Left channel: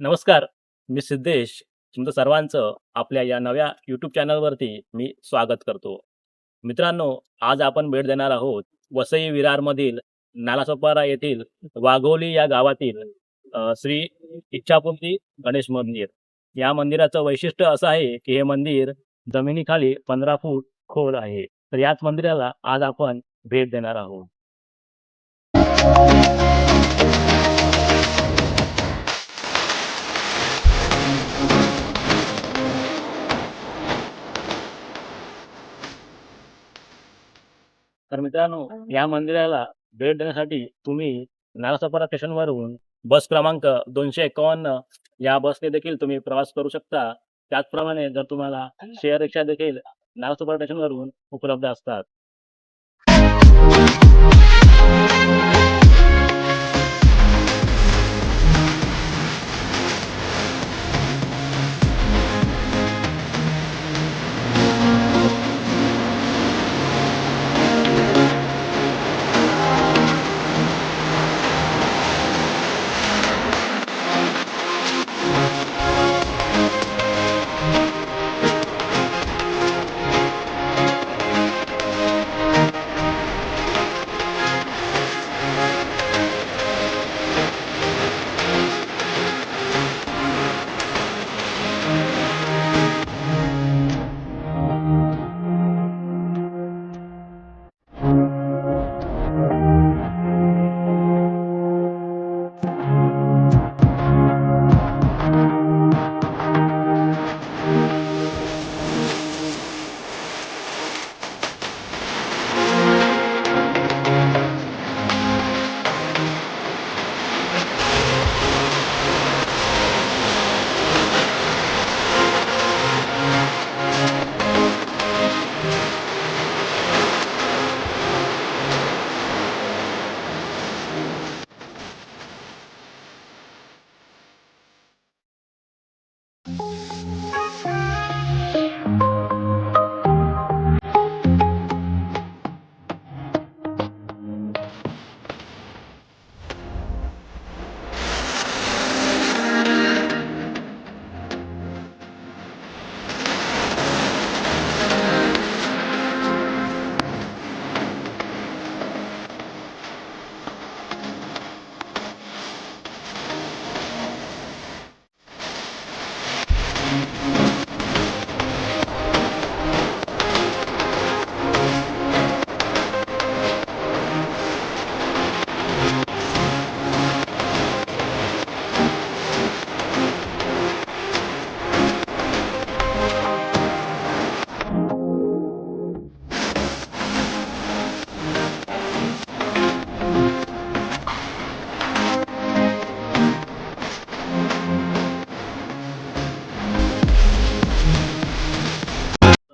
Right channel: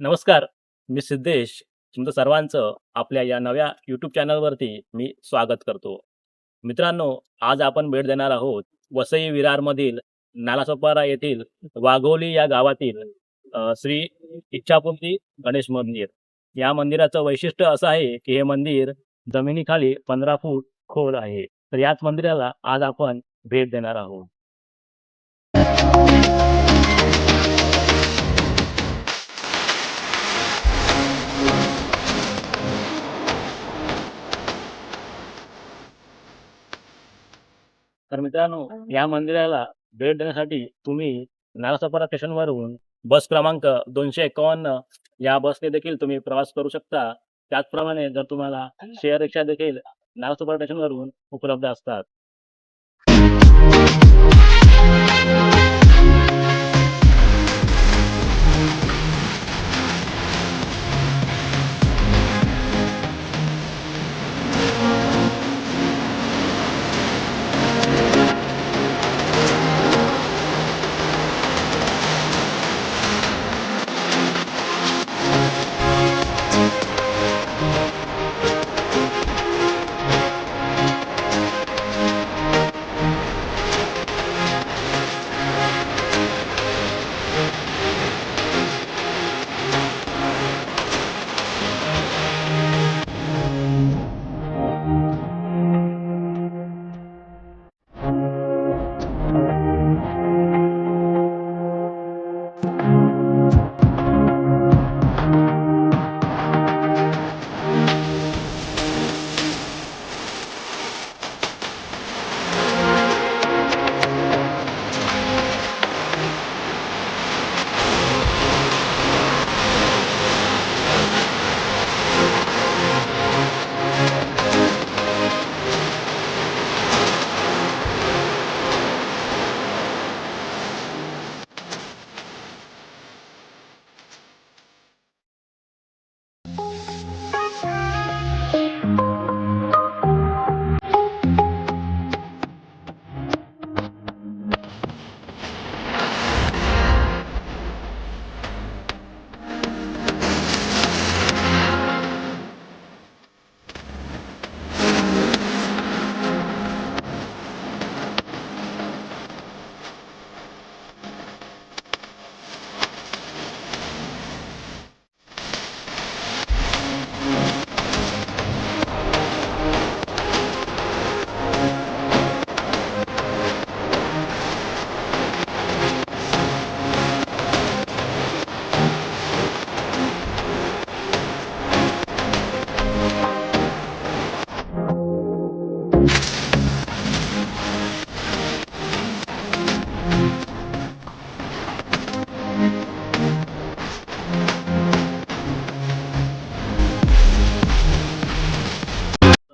नमस्कार, मी सिद्धेश. तुमचं सर्वांचं आपल्या या नव्या यूट्यूब चॅनलवरती मी स्वागत करतो. मित्रांनो, आज आपण भेट देणार आहोत वसई विरारमधील नालासोपारा येथील वाघोली या गावातील श्री इच्छापूर्ती गणेश मंदिर. या मंदिराचं वैशिष्ट्य असं आहे की हे मंदिर जमिनीखाली 15 फूट खोल आहे. तर याच मंदिराला आज आपण भेट देणार आहोत. तर मित्रांनो, या मंदिराला भेट देण्यासाठी तुम्ही नालासोपारा स्टेशनवरून बस क्रमांक 251 या बसने देखील तुम्ही प्रवास करू शकता. त्याचप्रमाणे जर तुम्हाला शेअर रिक्षा देखील नालासोपारा स्टेशनवरून उपलब्ध असतात.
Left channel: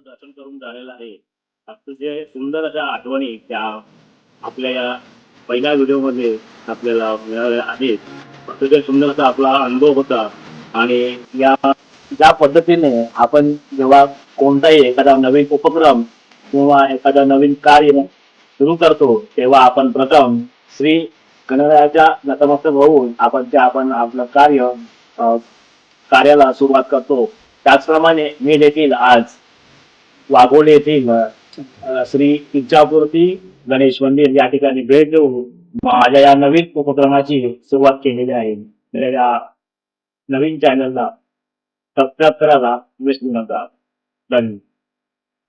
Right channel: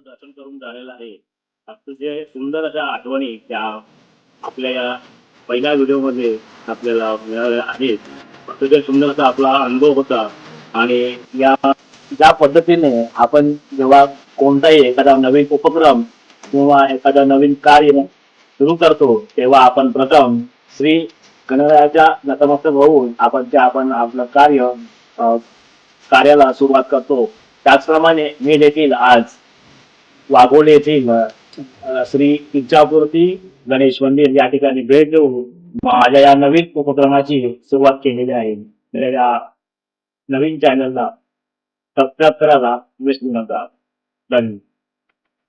दर्शन करून झालेलं आहे. अतिशय सुंदर अशा आठवणी त्या आपल्या या पहिल्या व्हिडिओमध्ये आपल्याला मिळाल्या आहेत. अतिशय सुंदर असा आपला अनुभव होता. आणि या ज्या पद्धतीने आपण जेव्हा कोणताही एखादा नवीन उपक्रम किंवा एखादा नवीन कार्य सुरू करतो, तेव्हा आपण प्रथम श्री गणरायाच्या नतमस्तक होऊन आपण आपलं कार्याला सुरुवात करतो. त्याचप्रमाणे मी देखील आज वाघोली येथील श्री इच्छापूर्ती गणेश मंदिर या ठिकाणी भेट देऊन माझ्या या नवीन उपक्रमाची सुरुवात केलेली आहे. तर या नवीन चॅनलला सबस्क्राईब करायला विसरू नका. धन्यवाद.